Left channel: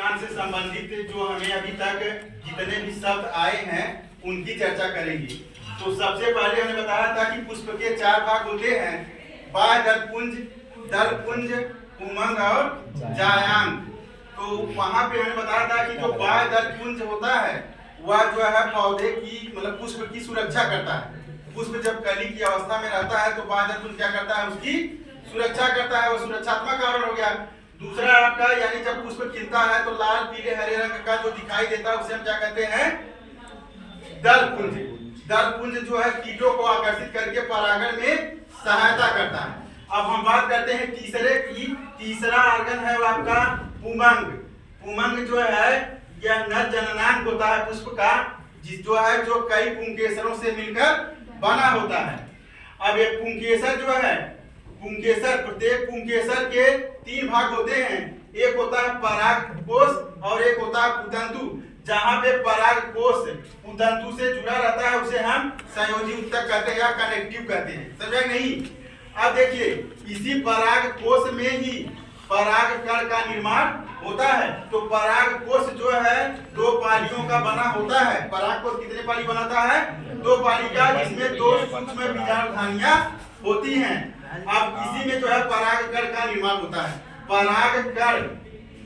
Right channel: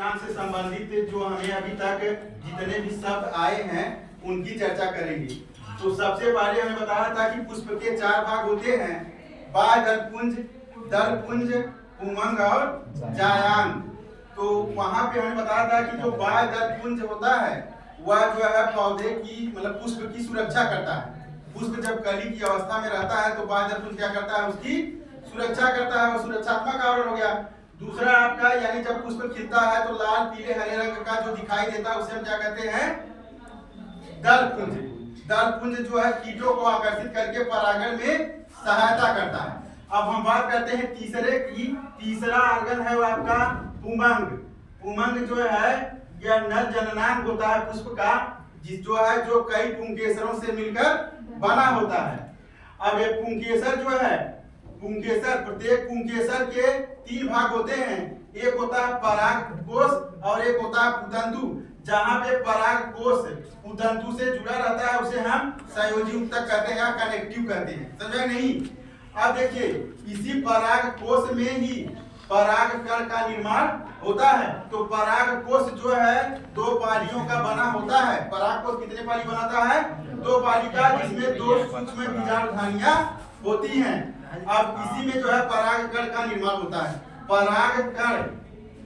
जनन से संबंधित जो हमें अभी तक जितने भी शब्द आए हैं उनकी चर्चा करेंगे। तो सबसे पहले हमने बताया था कि पुष्प के 4 भाग होते हैं, बाह्य दलपुंज, दलपुंज, पुंमंग और जायांग। तो वहां पे हमने बताया था कि जो बाह्य दलपुंज होता है वह जो है पौधे की मतलब पुष्प की सुरक्षा करता है। पुष्प जब कली की अवस्था में रहता है तो बाह्य दलपुंज क्या करता है, उसकी सुरक्षा करता है, वो सुरक्षात्मक आवरण हो गया। दूसरा आपका यानी जब पुष्प खिलता है तो लाल पीले हरे रंग का जो दिखाई देता है उसे हम क्या कहते हैं, दलपुंज। दलपुंज जो है कीटों को आकर्षित करके परागण में सहायता करता है। अब हम बात करते हैं तीसरे की। तीसरा ऑर्गन है वो आपका पुंमंग। पुंमंग जो है यह नर जननांग होता है पुष्प का, जिस जो है जो कई पुंकेसरों से मिलकर बना होता है। अब ये पुंकेसर जो है, पुंकेसर प्रत्येक पुंकेसर के 3 भाग होते हैं। एक होता है परागकोश और एक होता है पुतंतु। जहां पे परागकोश पुतंतु से जुड़ा रहता है उसे हम संयोजी ऊतक कहते हैं या कनेक्टिव कहते हैं। समझा नहीं? अब देखिए इसी परागकोश में ही परागकण का निर्माण होता है। तो परागकोश जो है 2 पालियों का बना होता है। परागकोश कितने पाली बनाता है? 2 पाली का, जिसमें 2 सूक्ष्म बीजाणुधानियां होती हैं। अब इसी में जो है परागकण का निर्माण होता है। परागकण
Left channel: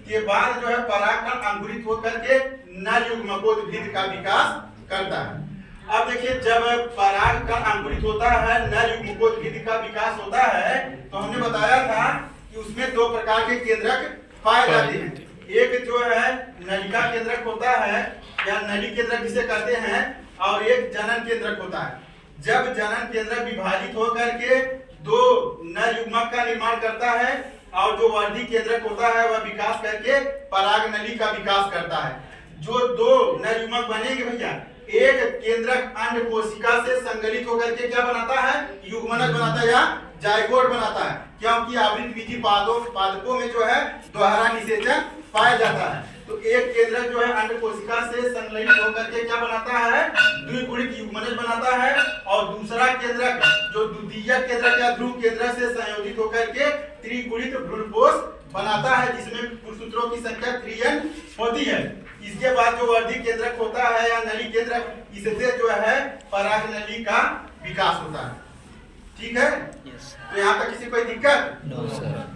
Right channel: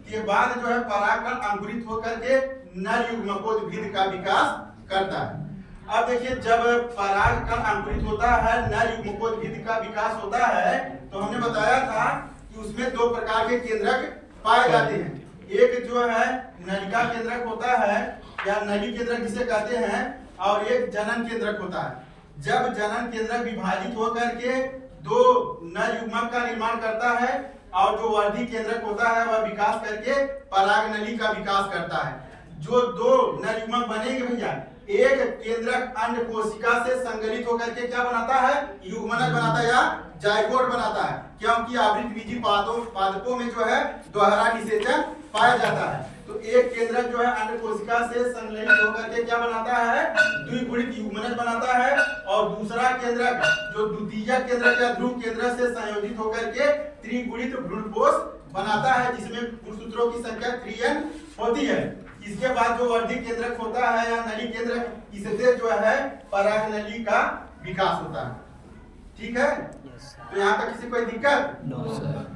के बाद जो है परागकण अंकुरित होकर के नर युग्मकोद्भिद का विकास करता है। अब देखिए जब परागकण अंकुरित होता है, नर युग्मकोद्भिद का विकास होता है, तो हमने बताया था कि उसमें 2 प्रकार के केंद्रक पाए जाते हैं। एक जो है नलिका केंद्रक होता है या नली केंद्रक जिसे कहते हैं, और एक जनन केंद्रक होता है। जब जनन केंद्रक विभाजित होकर के 2 नर युग्मक का निर्माण करता है और जो वर्धी केंद्रक होता है वह विकास करके पराग नली का विकास करता है। जो 2 नर युग्मक बनेंगे भैया, एक केंद्रक अंड कोशिका से संगलित होकर के क्या बनाता है, युग्मनक बनाता है या जाइगोट बनाता है। क्योंकि आवृतबीजी पादपों में जो है दोहरा निषेचन पाया जाता है। तो एक केंद्रक जो है अंड कोशिका से संगलित होकर के क्या बनाता है, द्विगुणित युग्मनज बनाता है। और दूसरा केंद्रक जो द्वितीयक केंद्रक या ध्रुव केंद्रक से संयोजित होकर के त्रिगुणित भ्रूणपोष बनाता है, जिसमें गुणसूत्रों की संख्या 3n होती है। इसके बाद जो वर्धी केंद्रक होता है या नली केंद्रक, इससे जो है पराग नली का विकास होता है। ठीक है? तो यहाँ तक किसी कोई दिक्कत? No sir.